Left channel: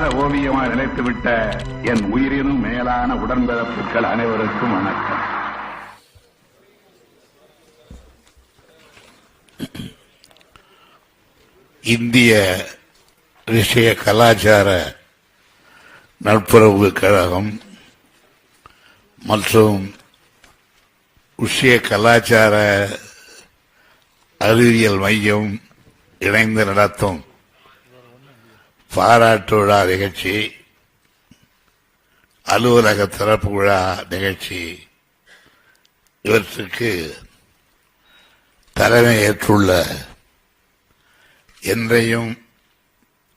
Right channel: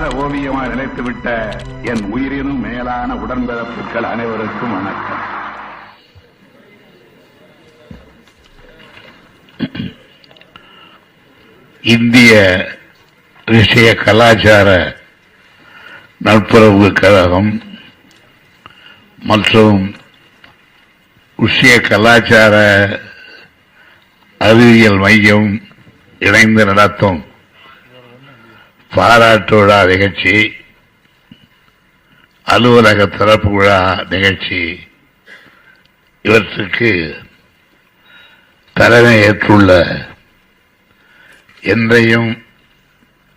மாறாத ஓவியமாய் நிலைத்துவிட்ட என் உயிரினும் மேலான உடன்பிறப்புகள் அனைவருக்கும் வணக்கம். இந்திய விஷய கலாச்சார நட்புறவு கழகம் மற்றும் விஷய கலாச்சார அறிவியல் மையம் இணைந்து நடத்தும் பாராட்டு விழா நிகழ்ச்சி அலுவலக திறப்பு விழா நிகழ்ச்சி. இவற்றுக்கு தலைமை ஏற்றுள்ள என்றையும்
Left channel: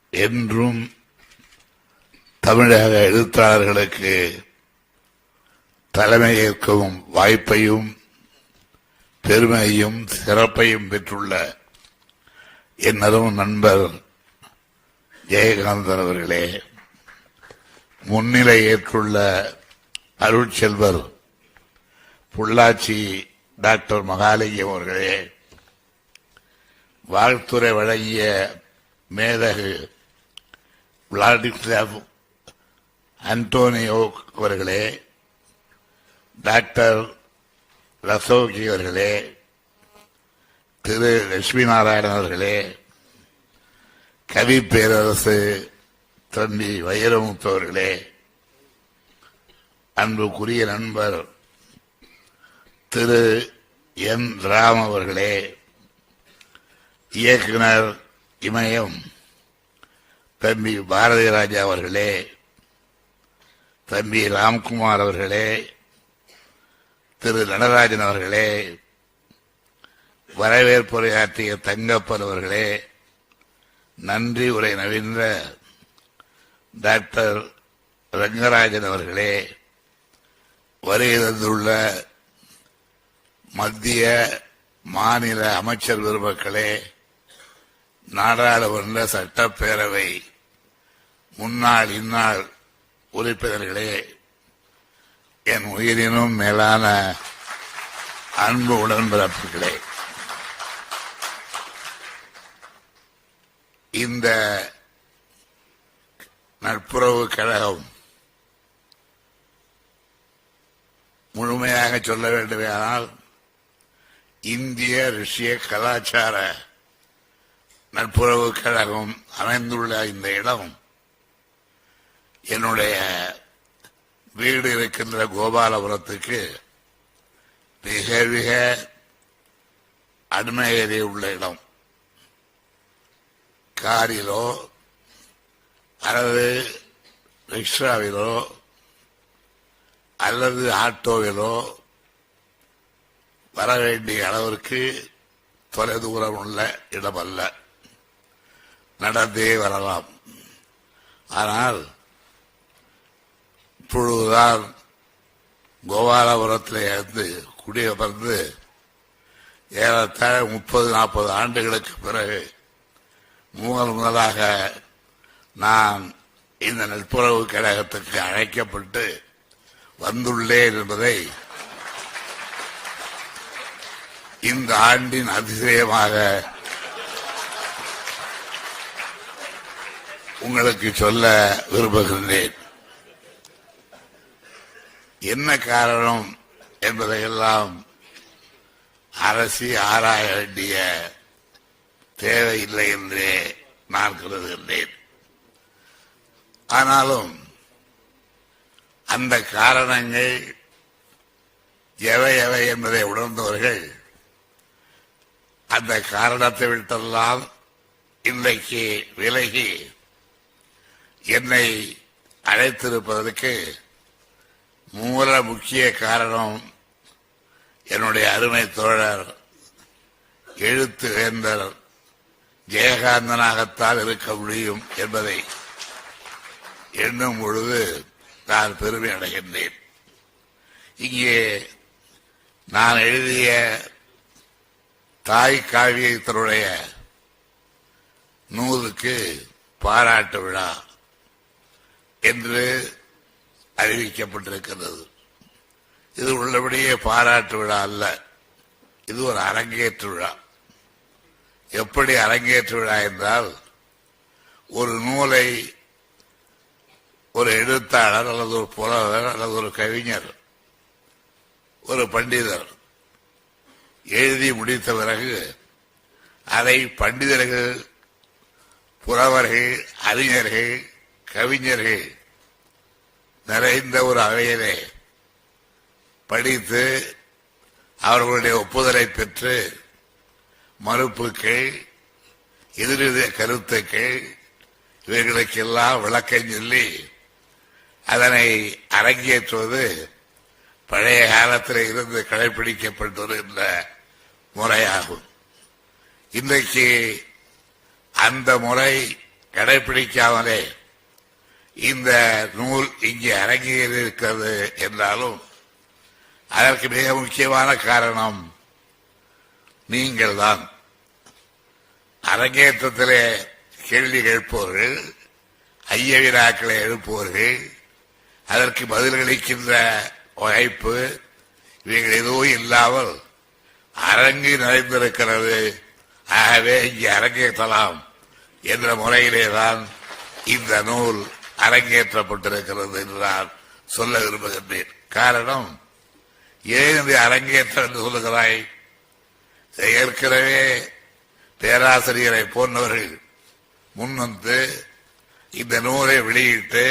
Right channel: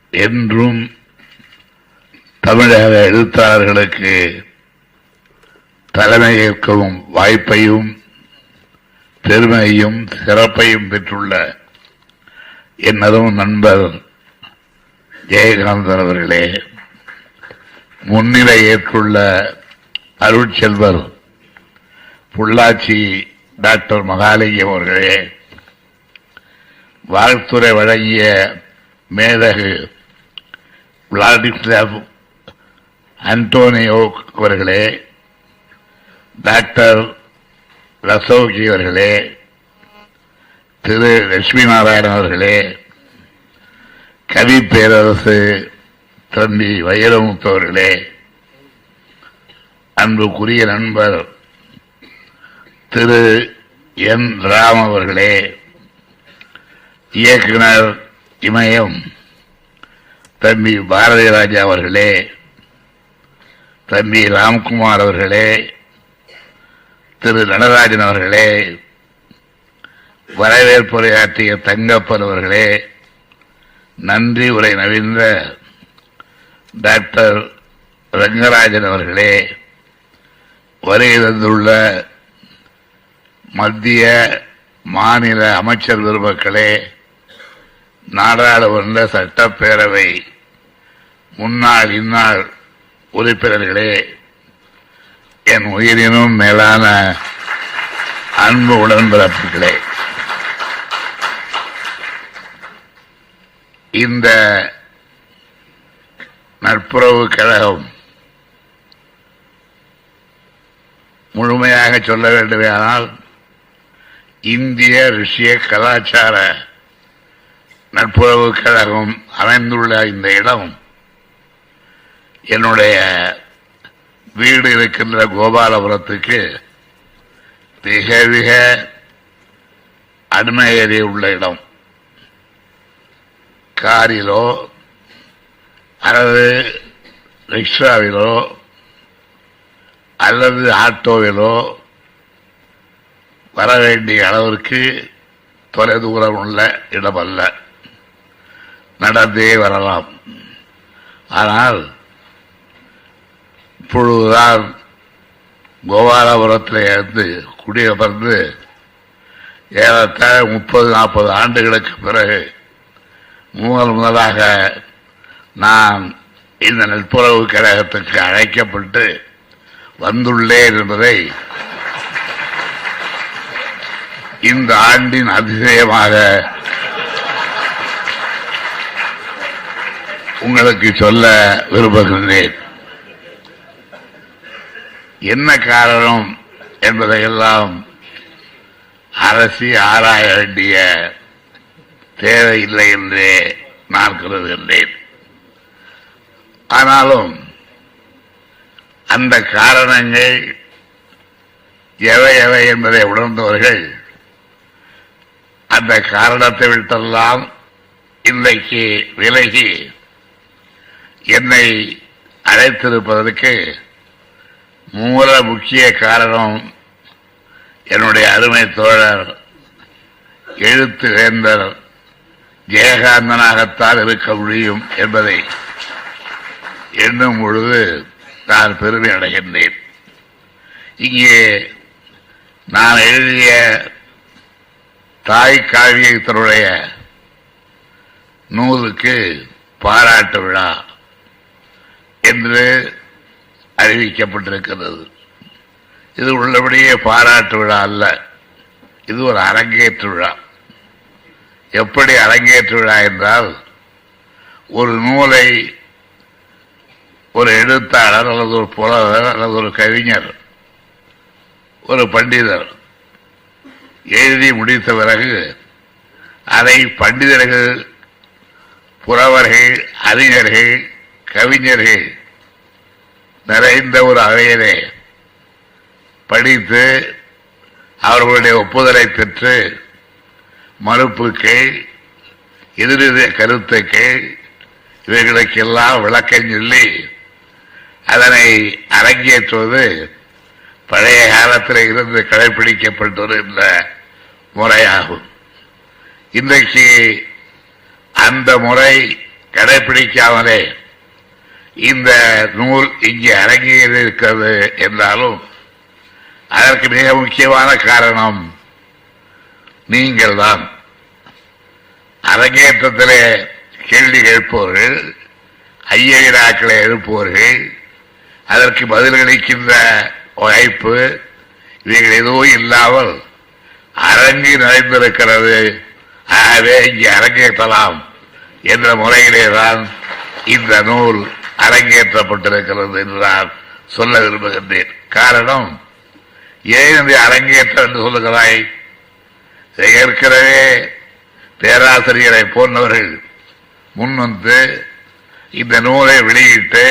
என்றும் தமிழக எழுத்தாளர்களுக்கு தலைமை ஏற்கவும் வாய்ப்பையும் பெருமையும் சிறப்பையும் பெற்றுள்ள என்னதும் நண்பர் ஜெயகாந்தன் அவர்களே முன்னிலை ஏற்றுள்ள அருட்செல்வர் பொள்ளாச்சி டாக்டர் மகாலிங்கம் அவர்களே வாழ்த்துறை வழங்கிய மேதகு விளாடிஸ்லாவ் அன்டோனியோ அவர்களே டாக்டர் ரசோகி அவர்களே திரு லட்சுமி நாராயணன் அவர்களே கவி பேரரசு தம்பி வைரமுத்தவர்களே அன்புக்குரிய நண்பர் திரு என் ராம் அவர்களே இயக்குனர் இமயம் தம்பி பாரதி ராஜா அவர்களே தம்பி ராம்குமார் அவர்களே திரு நடராஜன் அவர்களே வரவேற்புரையாற்றிய தங்கப்பன் அவர்களே நன்றி உரை நவீன்ற டாக்டர் ரங்கராஜன் அவர்களே வருகை தந்துள்ள மத்திய மாநில அமைச்சர் பெருமக்களே நாடாளுமன்ற சட்டப்பேரவை முன்னாள் இந்நாள் உறுப்பினர்களே என் உயிரினும் மேலான அன்பு உடன்பிறப்புகளே. இந்த நட்புறவு கழகம் முழுமையாக சொல்ல வேண்டுமானால் இந்திய ருஷ்ய கலாச்சார நட்புறவு கழகம் அமைந்துள்ள இந்த இடம் என்னுடைய வீடு இருக்கின்ற கோபாலபுரத்துக்கு மிக மிக அண்மையேறி உள்ள இடம். காரிலோ அல்லது ரிக்ஷாவிலோ அல்லது ஆட்டோவிலோ வர வேண்டிய அளவிற்கு தொலைதூரம் உள்ள இடமல்ல. நடந்தே வரலாம். ஆனால் இப்பொழுதுதான் கோபாலபுரத்தில் இருந்து குடியமர்ந்து ஏறத்தாழ முப்பது நாற்பது ஆண்டுகளுக்கு பிறகு முதல் முதலாக நான் இந்த நட்புறவு கழகத்துக்கு அழைக்கப்பட்டு வந்துள்ளேன் என்பதை இந்த ஆண்டின் அதிசயமாக உங்களுக்கு சொல்ல விரும்புகின்றேன். என்ன காரணம் என்பதையெல்லாம் அரசி ஆராய வேண்டிய தேவையில்லை என்றே நான் கருதுகின்றேன். ஆனாலும் அந்த காரணங்கள் எவை எவை என்பதை உணர்ந்தவர்கள் அந்த காரணத்தை விட்டெல்லாம் இன்றைக்கு விலகி என்னை அழைத்திருப்பதற்கு மூல முக்கிய காரணம் என்னுடைய அருமை தோழர் எழுத்து வேந்தர் ஜெயகாந்தனாகத்தான் இருக்க முடியும் என்பதை எண்ணும் பொழுது நான் பெருமை அடைகின்றேன். இங்கே நான் எழுதிய தாய் காவியத்தினுடைய நூலுக்கு பாராட்டு விழா என்று அறிவிக்கப்பட்டிருக்கிறது. இது உள்ளபடியே பாராட்டு விழா அல்ல. இது ஒரு அரங்கேற்று விழா. எப்படி அரங்கேற்று விழா என்றால் ஒரு நூலை ஒரு எழுத்தாளர் அல்லது ஒரு புலவர் அல்லது ஒரு கவிஞர் ஒரு பண்டிதர் எழுதி முடித்த பிறகு அதை பண்டிதர்கள் புலவர்கள் அறிஞர்கள் கவிஞர்கள் நிறைந்த ஒரு அவையிலே படித்து அவர்களுடைய ஒப்புதலை பெற்று மறுப்புகள் எதிரெதிர கருத்துக்கள் இவைகளுக்கெல்லாம் விளக்கம் சொல்லி அதனை அரங்கேற்றுவது பழைய காலத்தில் இருந்து கடைபிடிக்கப்பட்டு வருகின்ற முறையாகும். இன்றைக்கு அந்த முறை கடைபிடிக்காமலே இந்த நூல் இங்கே அரங்கேறியிருக்கிறது என்றாலும் அதற்கு மிக முக்கியமான காரணம் நீங்கள் தான் அரங்கேற்றத்திலே கேள்வி கேட்பவர்கள் ஐய வினாக்களை எழுப்புவர்கள் அதற்கு பதிலளிக்கின்ற வாய்ப்பு இவைகள் எதுவும் இல்லாமல் அரங்கு நிறைந்திருக்கிறது. ஆகவே இங்கே அரங்கேற்றலாம் என்ற முறையிலே தான் இந்த நூல் அரங்கேற்றப்பட்டிருக்கிறது என்று நான் சொல்ல விரும்புகின்றேன். காரணம் ஏன் இந்த அரங்கேற்றம் என்று சொல்லுகிறாய்? ஏற்கனவே பேராசிரியரை போன்றவர்கள் முன்வந்து இந்த நூலை வெளியிட்டு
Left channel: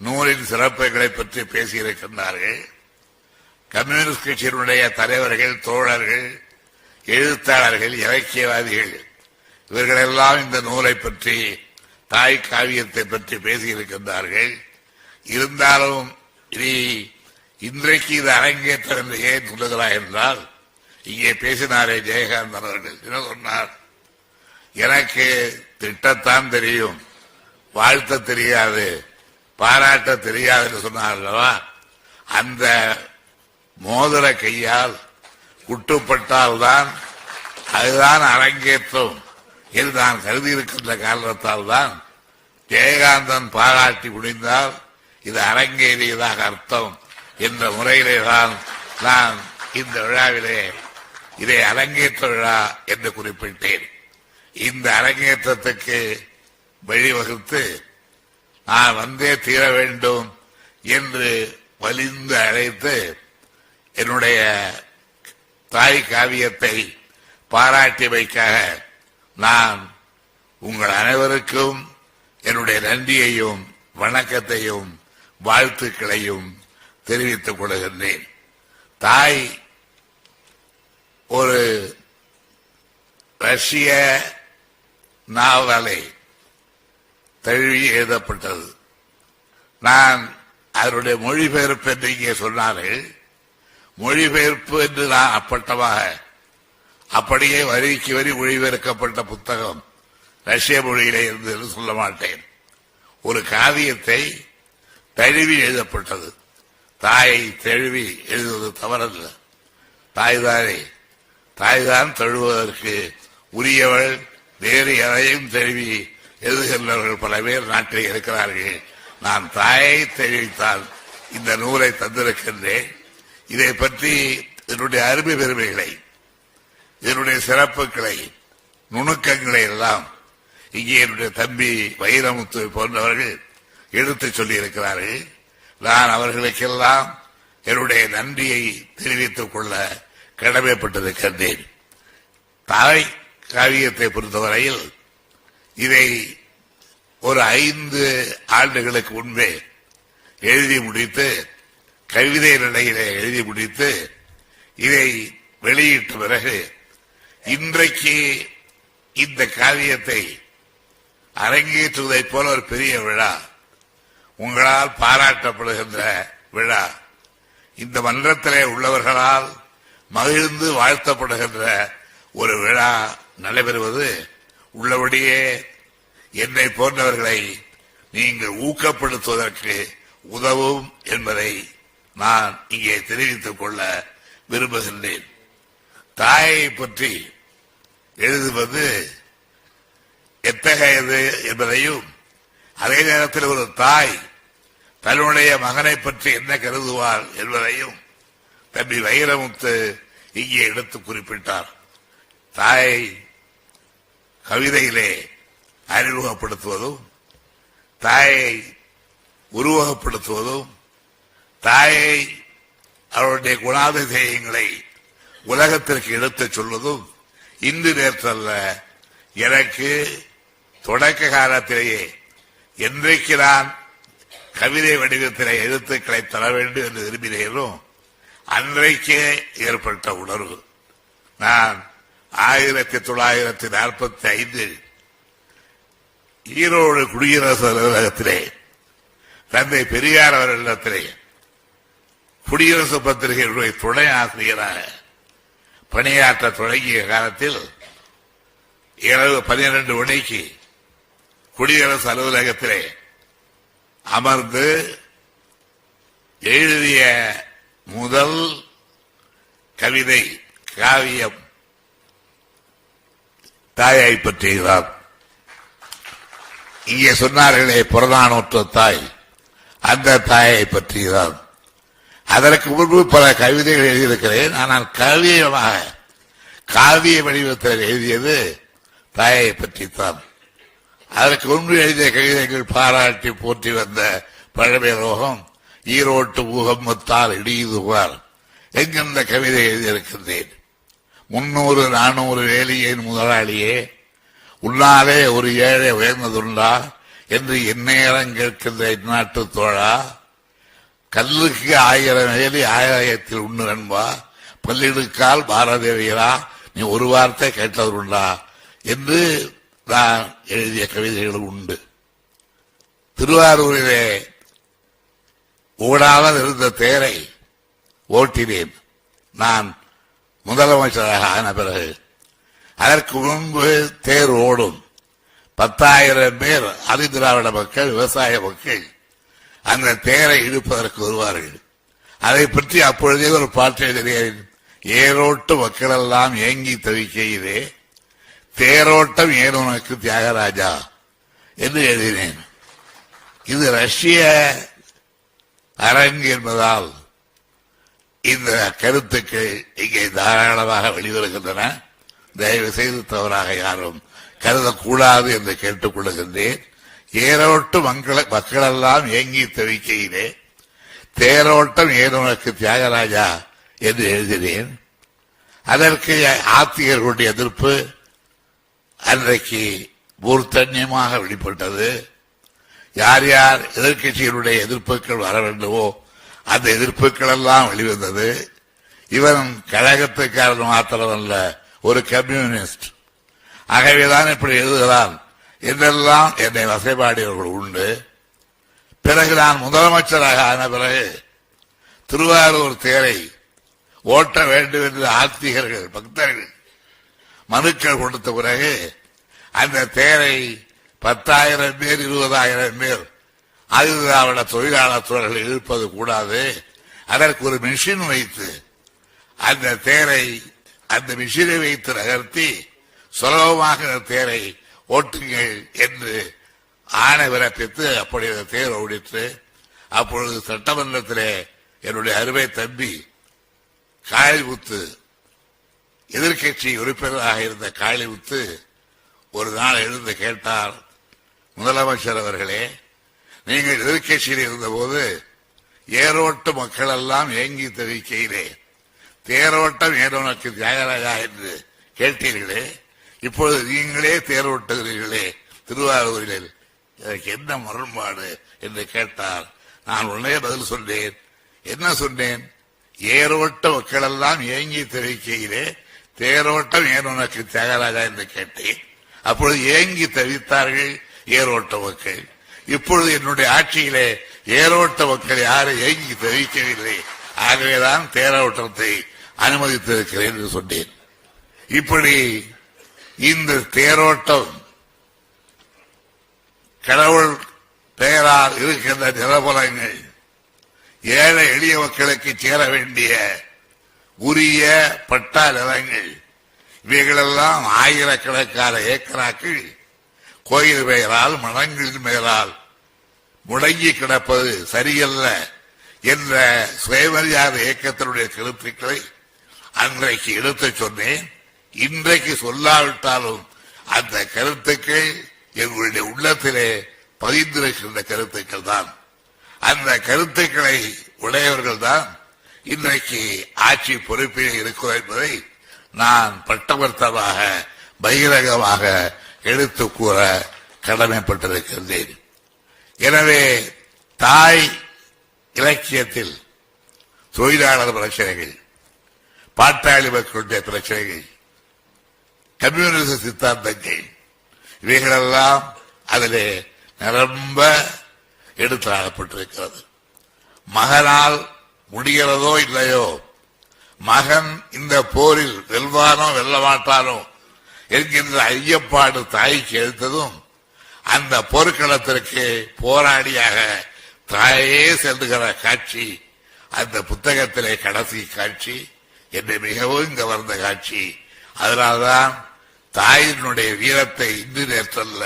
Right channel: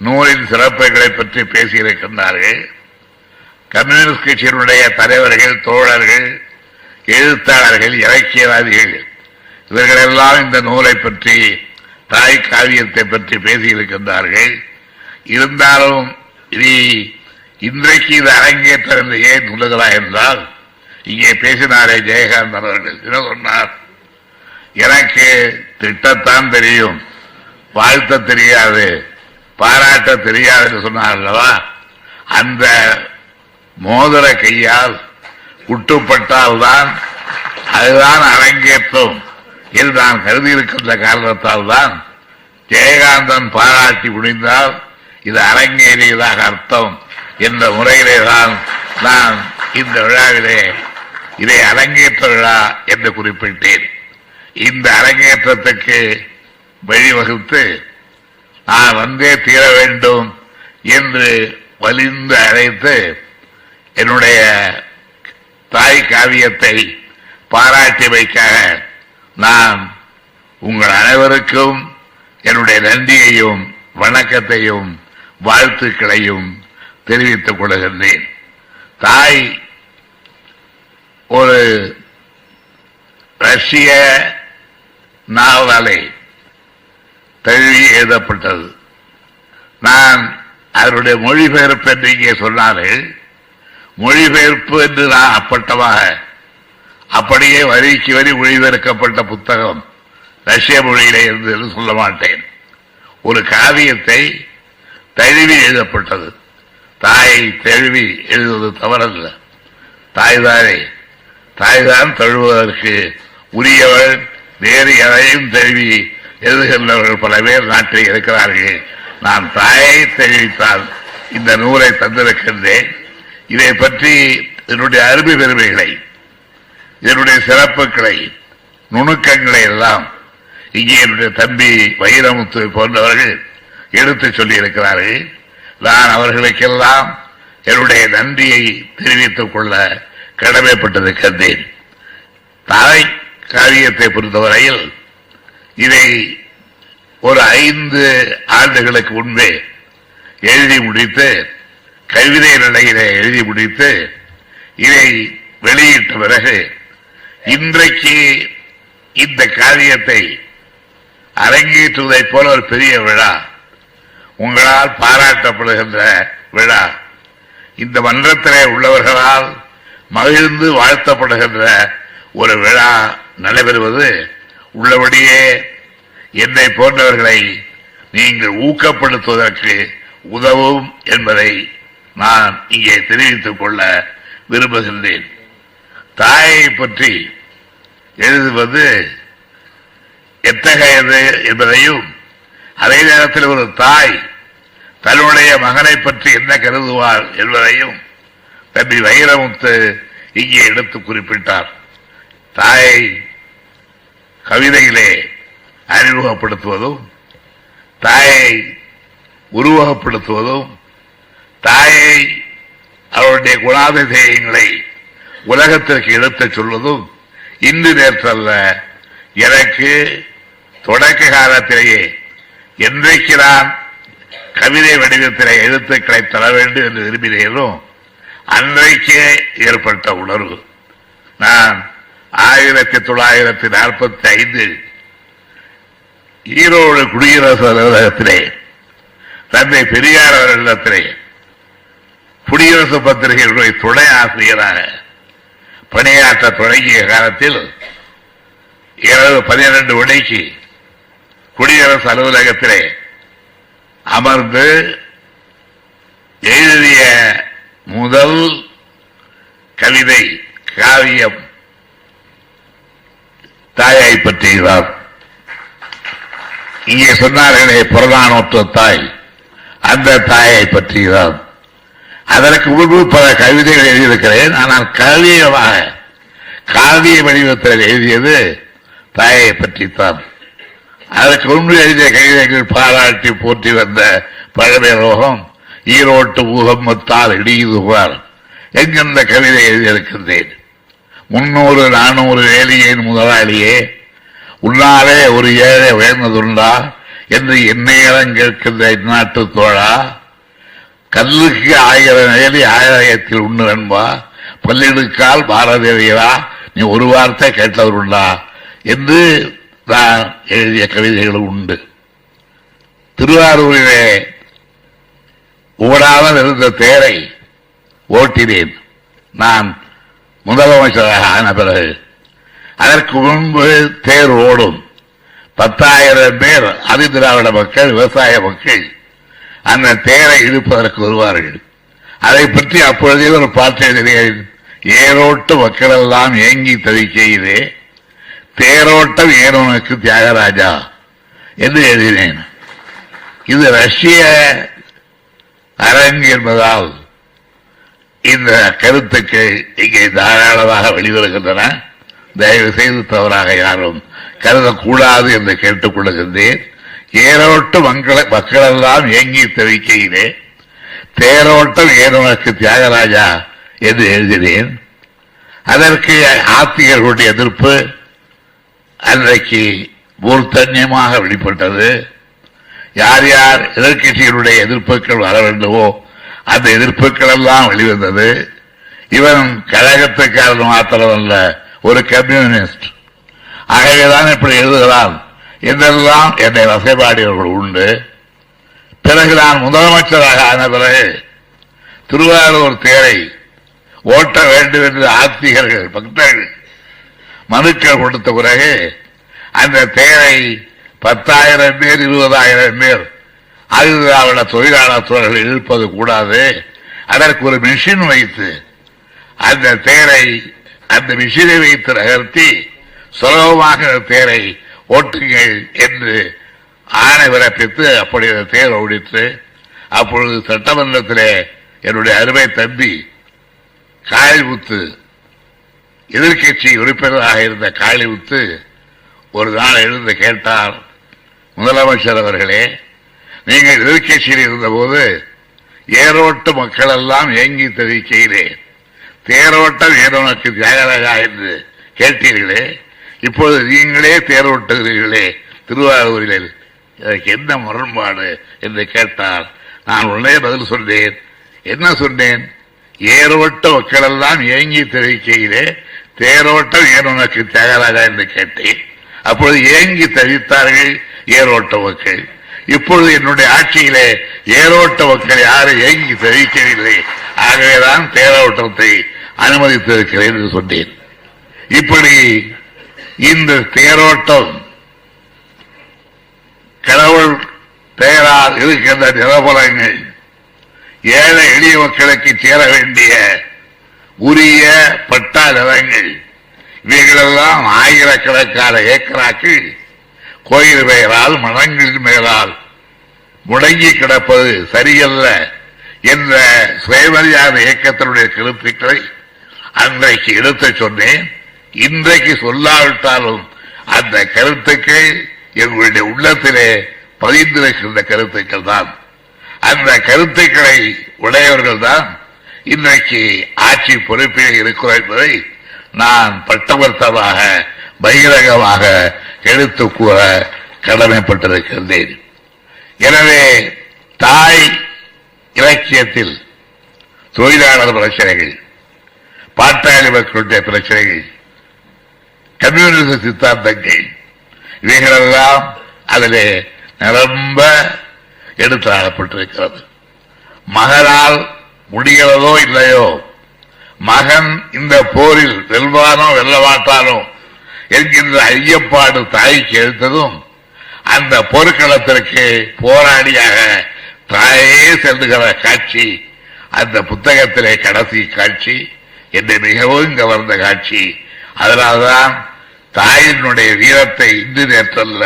நூலின் சிறப்புகளை பற்றி பேசியிருக்கின்றார்கள். கம்யூனிஸ்ட் கட்சியினுடைய தலைவர்கள் தோழர்கள் எழுத்தாளர்கள் இலக்கியவாதிகள் இவர்களெல்லாம் இந்த நூலை பற்றி தாய் காவியத்தை பற்றி பேசியிருக்கின்றார்கள். இருந்தாலும் இனி இன்றைக்கு இது அரங்கேற்றம் என்று ஏன் சொல்லுகிறாய் என்றால் இங்கே பேசினாரே ஜெயகாந்தன் அவர்கள். என்ன சொன்னார்? எனக்கு திட்டத்தான் தெரியும். வாழ்த்த தெரியாது. பாராட்ட தெரியாதுன்னு சொன்னார்களவா சொன்னார் அல்லவா? அந்த மோதிர கையால் உட்டுப்பட்டால்தான் அதுதான் அரங்கேற்றம் என்று நான் கருதி இருக்கின்ற காரணத்தால் தான் ஜெயகாந்தன் பாராட்டி முடிந்தால் இது அரங்கேறியதாக அர்த்தம் என்ற முறையிலே தான் நான் இந்த விழாவிலே இதை அரங்கேற்ற விழா என்று குறிப்பிட்டேன். இந்த அரங்கேற்றத்துக்கு வழிவகுத்து நான் வந்தே தீர வேண்டும் என்று வலிந்து அழைத்து என்னுடைய தாய் காவியத்தை பாராட்டியமைக்காக நான் உங்கள் அனைவருக்கும் என்னுடைய நன்றியையும் வணக்கத்தையும் வாழ்த்துக்களையும் தெரிவித்துக் கொள்கின்றேன். தாய் ஒரு ரஷ்ய நாவலை தழுவி எழுதப்பட்டது. நான் அதனுடைய மொழிபெயர்ப்பு என்று இங்கே சொன்னார்கள் மொழிபெயர்ப்பு என்று நான் அப்பட்டமாக அப்படியே வரிக்கு வரி மொழிபெயர்க்கப்பட்ட புத்தகம் ரஷ்ய மொழியிலே இருந்து என்று சொல்ல மாட்டேன். ஒரு காவியத்தை தழுவி எழுதப்பட்டது. தாயை தழுவி எழுதுவது தவறல்ல. தாய்தானே தாய்தான் தழுவதற்கு உரியவள் வேறு எதையும் தழுவி எழுதுகின்றவர்கள் பல பேர் நாட்டில் இருக்கிறார்கள். நான் தாயை தெரிவித்தால் இந்த நூலை தந்திருக்கின்றேன். இதை பற்றி என்னுடைய அருமை பெருமைகளை இதனுடைய சிறப்புகளை நுணுக்கங்களை எல்லாம் இங்கே என்னுடைய தம்பி வைரமுத்து போன்றவர்கள் எடுத்து சொல்லியிருக்கிறார்கள். நான் அவர்களுக்கெல்லாம் என்னுடைய நன்றியை தெரிவித்துக் கொள்ள கடமைப்பட்டிருக்கின்றேன் தாய் காவியத்தை பொறுத்தவரையில் இதை ஒரு ஐந்து ஆண்டுகளுக்கு முன்பே எழுதி முடித்து கவிதை நிலையிலே எழுதி முடித்து இதை வெளியிட்ட பிறகு இன்றைக்கு இந்த காரியத்தை அரங்கேற்றுவதைப் போல ஒரு பெரிய விழா உங்களால் பாராட்டப்படுகின்ற விழா. இந்த மன்றத்திலே உள்ளவர்களால் மகிழ்ந்து வாழ்த்தப்படுகின்ற ஒரு விழா நடைபெறுவது உள்ளபடியே என்னை போன்றவர்களை நீங்கள் ஊக்கப்படுத்துவதற்கு உதவும் என்பதை நான் இங்கே தெரிவித்துக் கொள்ள விரும்புகின்றேன். தாயை பற்றி எழுதுவது எத்தகையது என்பதையும் அதே நேரத்தில் ஒரு தாய் தன்னுடைய மகனை பற்றி என்ன கருதுவார் என்பதையும் தம்பி வைரமுத்து இங்கே எடுத்து குறிப்பிட்டார். தாயை கவிதையிலே அறிமுகப்படுத்துவதும் தாயை உருவகப்படுத்துவதும் தாயை அவருடைய குணாதிசயங்களை உலகத்திற்கு எடுத்துச் சொல்வதும் இன்று நேற்றல்ல எனக்கு தொடக்க காலத்திலேயே என்றைக்கு நான் கவிதை வடிவத்திலே எழுத்துக்களை தர வேண்டும் என்று விரும்பினேனும் அன்றைக்கே ஏற்பட்ட உணர்வு. நான் ஆயிரத்தி தொள்ளாயிரத்தி நாற்பத்தி ஐந்தில் ஈரோடு குடியரசு அலுவலகத்திலே தந்தை பெரியார் அவர்களிடத்திலே குடியரசு பத்திரிகைகளுடைய துணை ஆசிரியராக பணியாற்ற தொடங்கிய காலத்தில் இரவு பனிரெண்டு மணிக்கு குடியரசு அலுவலகத்திலே அமர்ந்து எழுதிய முதல் கவிதை காவியம். தாயை பற்றியதான் இங்கே சொன்னார்களே புறநானூற்ற தாய். அந்த தாயை பற்றியதான் அதற்கு முன்பு பல கவிதைகள் எழுதியிருக்கிறேன். ஆனால் காவியமாக காவிய வடிவத்தில் எழுதியது தாயை பற்றித்தான். அதற்கு முன்பு எழுதிய கவிதைகள் பாராட்டி போற்றி வந்த பழமை ரோகம் ஈரோட்டு பூகம்பத்தால் இடியுது பார். எங்கெந்த கவிதை எழுதியிருக்கின்றேன்? முன்னூறு நானூறு வேலியின் முதலாளியே? உன்னாலே ஒரு ஏழை உயர்ந்ததுண்டா? என்று எந்நேரம் கேட்கின்ற இந்நாட்டு தோழா? கல்லுக்கு ஆயிரம் வேலி ஆயிரத்தில் உண்டு நண்பா பல்லிடுக்கால் பாரதேவியரா நீ ஒரு வார்த்தை கேட்டவருண்டா என்று நான் எழுதிய கவிதைகளும் உண்டு. திருவாரூரிலே ஓடாமல் இருந்த தேரை ஓட்டினேன். நான் முதலமைச்சராக ஆன பிறகு அதற்கு முன்பு தேர் ஓடும். பத்தாயிரம் பேர் அதிதிராவிட மக்கள் விவசாய மக்கள் அந்த தேரை இழுப்பதற்கு வருவார்கள். அதை பற்றி அப்பொழுதே ஒரு பாட்டு எழுதினேன். ஏரோட்டு மக்கள் எல்லாம் ஏங்கி தவிக்கையிலே தேரோட்டம் ஏனோனுக்கு தியாகராஜா என்று எழுதினேன். இது ரஷ்ய அரங்கு என்பதால் இந்த கருத்துக்கள் இங்கே தாராளமாக வெளிவருகின்றன. தயவு செய்து தவறாக யாரும் கருதக்கூடாது என்று கேட்டுக்கொள்கின்றேன். ஏரோட்டு மங்கள மக்களெல்லாம் ஏங்கி தவிக்கையிலே தேரோட்டம் ஏனோனுக்கு தியாகராஜா என்று எழுதினேன். அதற்கு ஆத்திகர்களுடைய எதிர்ப்பு அன்றைக்கு மூர்த்தன்யமாக வெளிப்பட்டது. யார் யார் எதிர்க்கட்சிகளுடைய எதிர்ப்புகள் வர வேண்டுமோ அந்த எதிர்ப்புகள் எல்லாம் வெளிவந்தது. இவன் கழகத்துக்காரன் மாத்திரமல்ல ஒரு கம்யூனிஸ்ட். ஆகவேதான் இப்படி எழுதுகிறான். என்றெல்லாம் என்னை வசைபாடியவர்கள் உண்டு. பிறகு நான் முதலமைச்சராக ஆன பிறகு திருவாரூர் தேரை ஓட்ட வேண்டும் என்று ஆத்திகர்கள் பக்தர்கள் மனுக்கள் கொடுத்த பிறகு அந்த தேரை பத்தாயிரம் பேர் இருபதாயிரம் பேர். ஆயுதாவிட தொழிலாளர் தோழர்கள் இழுப்பது கூடாது. அதற்கு ஒரு மிஷின் வைத்து அந்த தேரை அந்த மிஷினை வைத்து நகர்த்தி சுலபமாக தேரை ஓட்டுங்கள் என்று ஆணை பிறப்பித்து அப்படி அந்த தேர் ஓடித்து அப்பொழுது சட்டமன்றத்திலே என்னுடைய அருமை தம்பி காளிமுத்து எதிர்க்கட்சி உறுப்பினராக இருந்த காளிமுத்து ஒரு நாள் எழுந்து கேட்டார் முதலமைச்சர் அவர்களே நீங்கள் எதிர்கட்சியில் இருந்தபோது ஏரோட்டு மக்கள் எல்லாம் ஏங்கி தெரிவிக்கையிலே தேரோட்டம் ஏரோனுக்கு தியாகராஜா என்று கேட்டீர்களே இப்போது நீங்களே தேரோட்டுகிறீர்களே திருவாரூரில் இதற்கு என்ன முரண்பாடு என்று கேட்டார் நான் உடனே பதில் சொன்னேன். என்ன சொன்னேன்? ஏரோட்ட மக்கள் எல்லாம் ஏங்கி தெரிவிக்கையிலே தேரோட்டம் ஏனோனுக்கு தியாகராஜா என்று கேட்டேன். அப்பொழுது ஏங்கி தவித்தார்கள் ஏரோட்ட மக்கள் இப்பொழுது என்னுடைய ஆட்சியிலே ஏரோட்ட மக்கள் யாரும் ஏங்கி தெரிவிக்கவில்லை. ஆகவேதான் தேரோட்டத்தை அனுமதித்திருக்கிறேன் என்று சொன்னேன். இப்படி இந்த தேரோட்டம் கடவுள் பெயரால் இருக்கின்ற நிலபலங்கள் ஏழை எளிய மக்களுக்கு சேர வேண்டிய உரிய பட்டா நிலங்கள் இவைகளெல்லாம் ஆயிரக்கணக்கான ஏக்கராக்கள் கோயில் பெயரால் மடங்களின் மேலால். முடங்கி கிடப்பது சரியல்ல என்ற சுயமரியாதை இயக்கத்தினுடைய கருத்துக்களை அன்றைக்கு எடுத்துச் சொன்னேன். இன்றைக்கு சொல்லாவிட்டாலும் அந்த கருத்துக்கள் எங்களுடைய உள்ளத்திலே பதிந்திருக்கின்ற கருத்துக்கள் தான். அந்த கருத்துக்களை உடையவர்கள் தான் இன்றைக்கு ஆட்சி பொறுப்பில் இருக்கிறோம் என்பதை நான் பட்டவர்த்தமாக பகிரங்கமாக எடுத்து கூற கடமைப்பட்டிருக்கின்றேன் எனவே தாய் இலக்கியத்தில் தொழிலாளர் பிரச்சனைகள் பாட்டாளி மக்களுடைய பிரச்சனைகள் கம்யூனிஸ்ட் சித்தாந்தங்கள் இவைகளெல்லாம் அதிலே நிரம்ப எடுத்தாடப்பட்டிருக்கிறது மகனால் முடிகிறதோ இல்லையோ மகன் இந்த போரில் வெல்வானோ வெல்லமாட்டானோ என்கின்ற ஐயப்பாடு தாய்க்கு எழுத்ததும் அந்த போர்க்களத்திற்கு போராடியாக தாயே செல்லுகிற காட்சி அந்த புத்தகத்திலே கடைசி காட்சி என்னை மிகவும் கவர்ந்த காட்சி. அதனால்தான் தாயினுடைய வீரத்தை இன்று நேற்றல்ல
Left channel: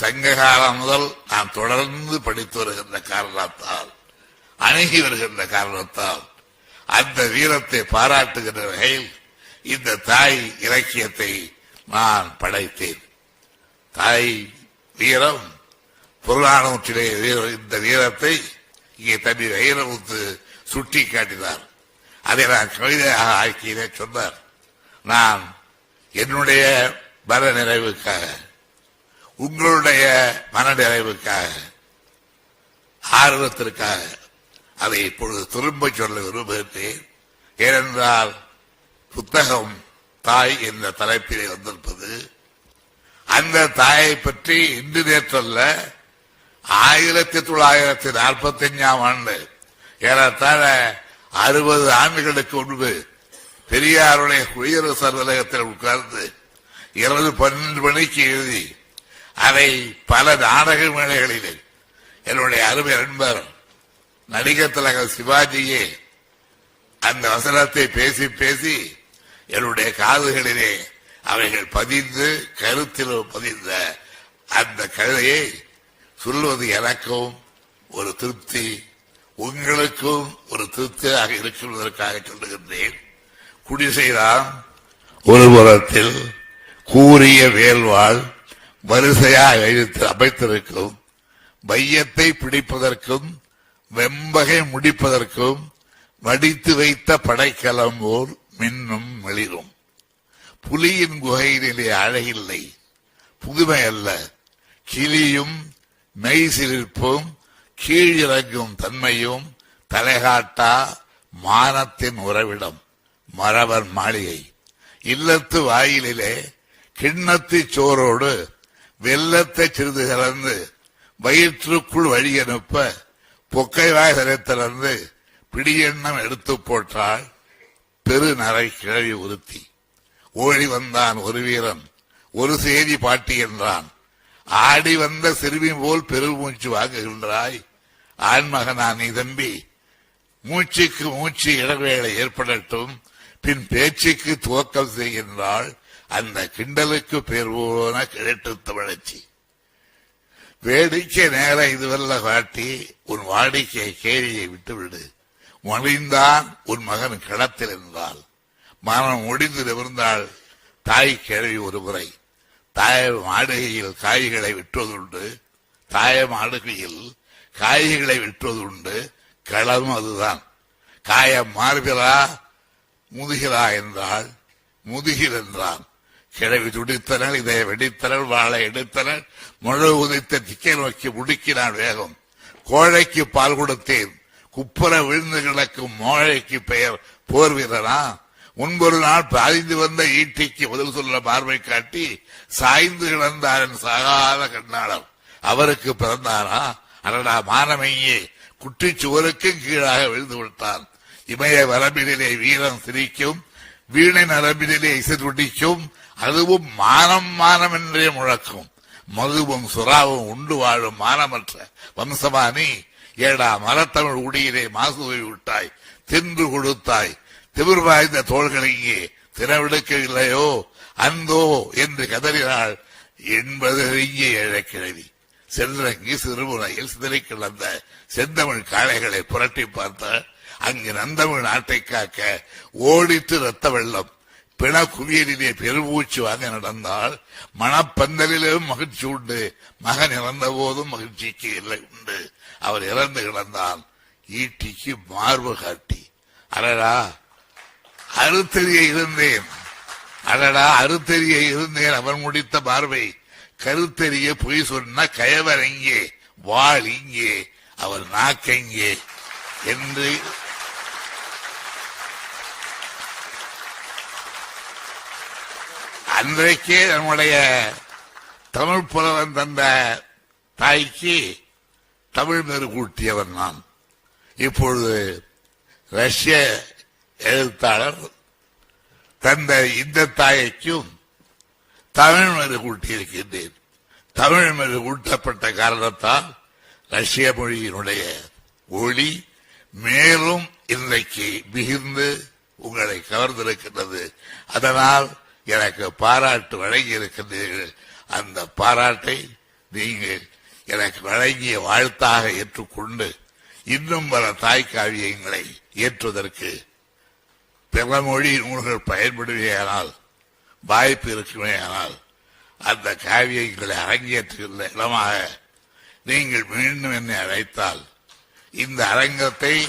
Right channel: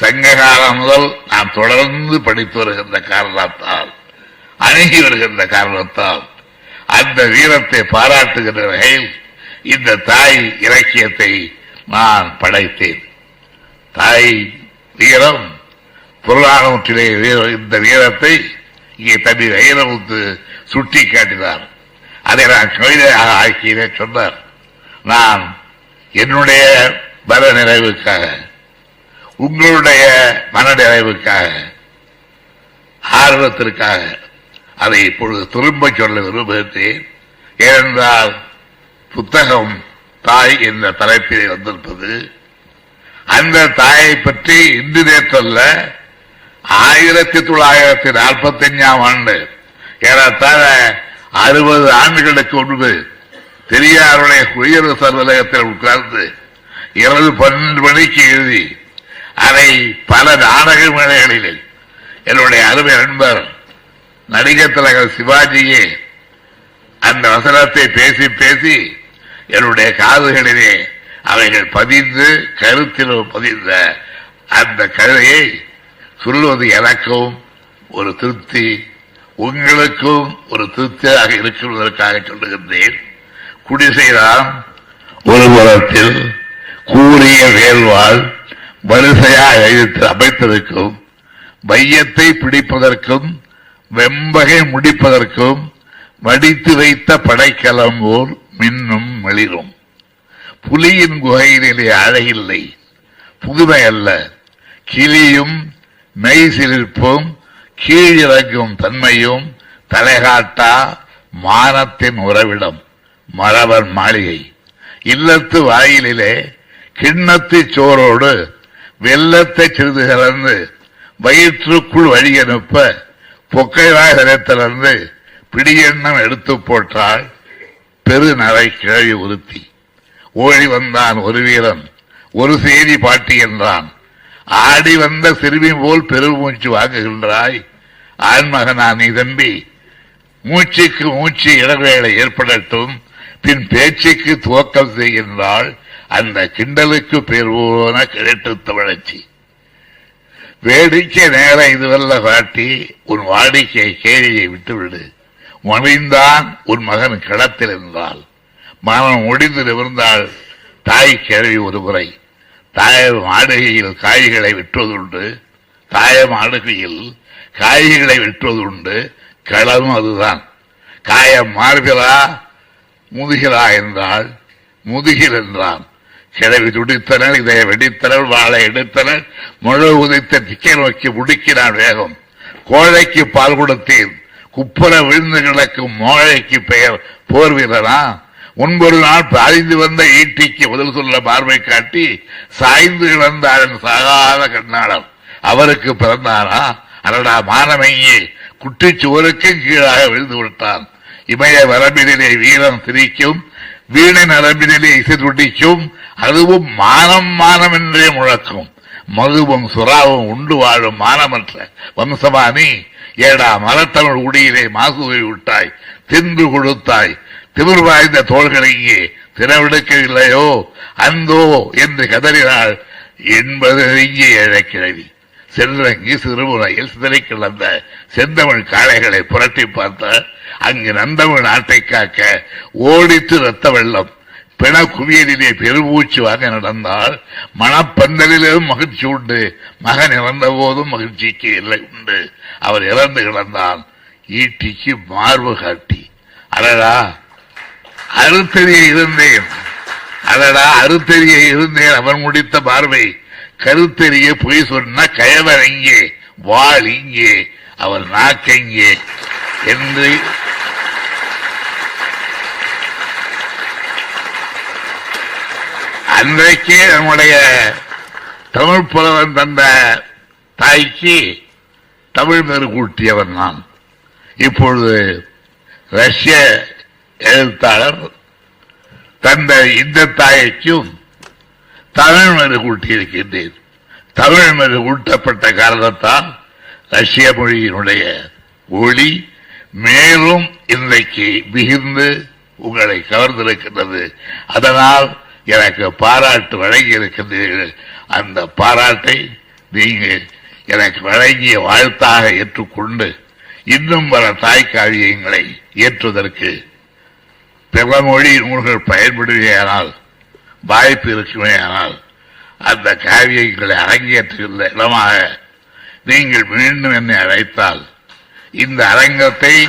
சங்ககாலம் முதல் நாம் தொடர்ந்து படித்து வருகின்ற காரணத்தால் அணுகி வருகின்ற காரணத்தால் அந்த வீரத்தை பாராட்டுகின்ற வகையில் இந்த தாய் இலக்கியத்தை நான் படைத்தேன். தாய் வீரம் புறநானூற்றிலே இந்த வீரத்தை இங்கே தம்பி வைரமுத்து சுட்டி காட்டினார். அதை நான் கவிதையாக ஆக்கியதே சொன்னார். நான் என்னுடைய மன நிறைவுக்காக உங்களுடைய மன நிறைவுக்காக ஆர்வத்திற்காக அதை இப்பொழுது திரும்ப சொல்ல விரும்புகிறேன். ஏனென்றால் புத்தகம் தாய் என்ற தலைப்பிலே வந்திருப்பது அந்த தாயை பற்றி இன்று நேற்றல்ல ஆயிரத்தி தொள்ளாயிரத்தி நாற்பத்தி அஞ்சாம் ஆண்டு ஏறத்தாழ அறுபது ஆண்டுகளுக்கு முன்பு பெரியாருடைய குடியரசு அலுவலகத்தில் உட்கார்ந்து இரவு பன்னெண்டு மணிக்கு எழுதி அதை பல நாடக மேடைகளில் என்னுடைய அருமை நண்பர் நடிகர் தலைவர் சிவாஜியே அந்த வசனத்தை பேசி பேசி என்னுடைய காதுகளிலே அவைகள் பதிந்து கருத்தில் பதிந்த அந்த கதையை சொல்வது எனக்கும் ஒரு திருப்தி உங்களுக்கும் ஒரு திருப்தியாக இருக்கிறதற்காக சொல்லுகின்றேன். குடிசைதான் ஒரு புறத்தில் கூறிய வேல்வாள் வரிசையாக எழுத்து அமைத்திருக்கும் மையத்தை பிடிப்பதற்கும் வெம்பகை முடிப்பதற்கும் வடித்து வைத்த படைக்கலம் போல் மின்னும் மெளிரும். புலியின் குகையிலே அழகில்லை புதுமை அல்ல. கிளியும் மெய் சிலிர்ப்பும் கீழிறங்கும் தன்மையும் தலைகாட்டா மானத்தின் உறவிடம். மறவர் மாளிகை. இல்லத்து வாயிலிலே கிண்ணத்து சோரோடு வெள்ளத்தை சிறிது கலந்து வயிற்றுக்குள் வழி அனுப்ப பொக்கைவாய் சிரத்திலிருந்து பிடியெண்ணம் எடுத்து போட்டாள் பெருநரை கிழவி உறுத்தி ஓடி வந்தான் ஒரு வீரன் ஒரு செய்தி பாட்டி என்றான். ஆடி வந்த சிறுமி போல் பெருமூச்சு வாங்குகின்றாய். ஆண்மகனா நீ தம்பி மூச்சுக்கு மூச்சு இடவேளை ஏற்படட்டும் பின் பேச்சுக்கு துவக்கம் செய்கின்றாள் அந்த கிண்டலுக்கு பேர் போன கிழட்டு தமிழச்சி. வேடிக்கை நேரம் இதுவல்ல காட்டி உன் வாடிக்கை கேலியை விட்டுவிடு. மொழிந்தான் உன் மகன் கிடத்தில் இருந்தால். மகன் முடிந்து நிமிர்ந்தாள் தாய் கிழவி ஒரு முறை. தாயம் ஆடுகையில் காய்களை விற்றுவதுண்டு தாயம் மாடுகையில் காய்களை விற்றுவதுண்டு களமும் அதுதான். காயம் மாறுகிறா முதுகிறா என்றால் முதுகில் என்றான். கிழவி துடித்தனள் இதை வெடித்தனர் வாழை எடுத்தனர் முழு உதைத்த திக்கை நோக்கி முடுக்கினான் வேகம். கோழைக்கு பால் கொடுத்தேன். குப்புற விழுந்து கிடக்கும் மோழைக்கு பெயர். போர் வீரரா முன்பொரு நாள் பாய்ந்து வந்த ஈட்டிக்கு முதல் சொல்ல பார்வை காட்டி சாய்ந்து கிடந்தாரன் சாகாத கண்ணாளர் அவருக்கு பிறந்தாரா? அடடா மானமையே. குட்டிச்சுவருக்கும் கீழாக விழுந்து விட்டான். இமய வரம்பினிலே வீரன் சிரிக்கும் வீணை நரம்பினிலே இசை துடிக்கும் அதுவும் மானம் மானம் என்றே முழக்கும். மதுவும் சுறாவும் உண்டு வாழும் மானமற்ற வம்சமானி ஏடா மரத்தமிழ் உடியிலே மாசுவை விட்டாய் தின்று கொடுத்தாய். திமிர் வாய்ந்த தோள்களை இங்கே திறவெடுக்கவில்லையோ அந்தோ என்று கதறினாள் என்பது இங்கே இழக்கிழவி சென்றங்கி சிறுமுறையில் சிதறி கிடந்த செந்தமிழ் காளைகளை புரட்டி பார்த்த அங்கு நந்தமிழ் நாட்டை காக்க ஓடித்து ரத்த வெள்ளம். பிண குவியலிலே பெருமூச்சு வாங்க நடந்தால் மணப்பந்தலிலும் மகிழ்ச்சி உண்டு. மகன் இறந்த போதும் மகிழ்ச்சிக்கு இல்லை உண்டு. அவர் இறந்து கிடந்தான். ஈட்டிக்கு மார்பு காட்டி. அடடா அறுத்தறிய இருந்தேன். அடடா அறுத்தறிய இருந்தேன் அவன் முடித்த பார்வை. கருத்தறிய பொய் சொன்ன கயவர் எங்கே? வாழ் இங்கே. அவர் நாக்கெங்கே என்று அன்றைக்கே நம்முடைய தமிழ் புலவன் தந்த தாய்க்கு தமிழ் பெரு கூட்டியவன் நான். இப்பொழுது ரஷ்ய எழுத்தாளர் தந்த இந்த தாய்க்கும் தமிழ் மறு கூட்டியிருக்கின்றேன் தமிழ் மறு கூட்டப்பட்ட காரணத்தால் ரஷ்ய மொழியினுடைய ஒளி மேலும் இன்றைக்கு மிகுந்து உங்களை கவர்ந்திருக்கின்றது. அதனால் எனக்கு பாராட்டு வழங்கி இருக்கின்றீர்கள். அந்த பாராட்டை நீங்கள் எனக்கு வழங்கிய வாழ்த்தாக ஏற்றுக்கொண்டு இன்னும் பல தாய்க்காவியங்களை ஏற்றுவதற்கு பிற மொழி நூல்கள் பயன்படுவேயானால் வாய்ப்பு இருக்குமேயானால் அந்த காவியங்களை அரங்கேற்றுகின்ற இடமாக நீங்கள் மீண்டும் என்னை அழைத்தால் இந்த அரங்கத்தை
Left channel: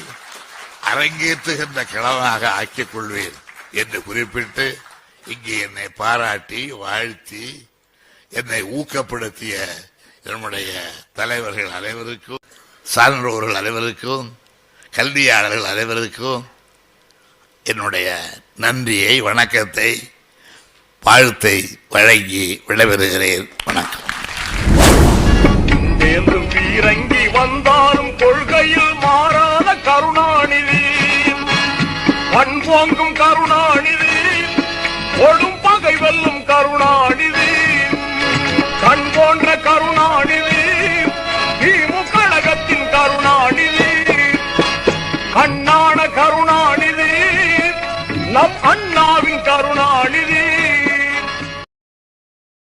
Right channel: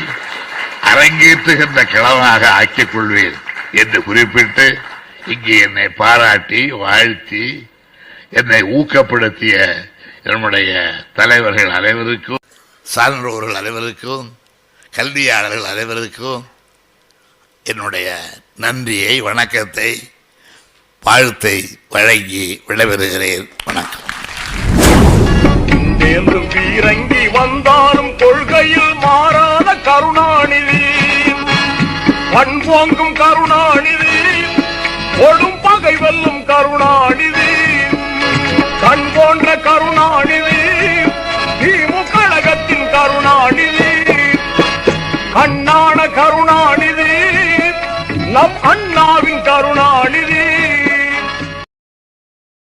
அரங்கேற்றுகின்ற கிழமாக ஆக்கிக் கொள்வேன் என்று குறிப்பிட்டு இங்கே என்னை பாராட்டி வாழ்த்தி என்னை ஊக்கப்படுத்திய என்னுடைய தலைவர்கள் அனைவருக்கும் சான்றோர்கள் அனைவருக்கும் கல்வியாளர்கள் அனைவருக்கும் என்னுடைய நன்றியை வணக்கத்தை வாழ்த்தை வழங்கி விடைபெறுகிறேன். வணக்கம். பீரங்கி வந்தாலும் கொள்கையில் மாறாத கருணாநிதி. பண்போங்கும் கருணாநிதி. ஒடும் பகை வெல்லும் கருணாநிதி கண் போன்ற கருணாநிதி திமுக கழகத்தின் கருணாநிதி கண்ணான கருணாநிதி நம் அண்ணாவின் கருணாநிதி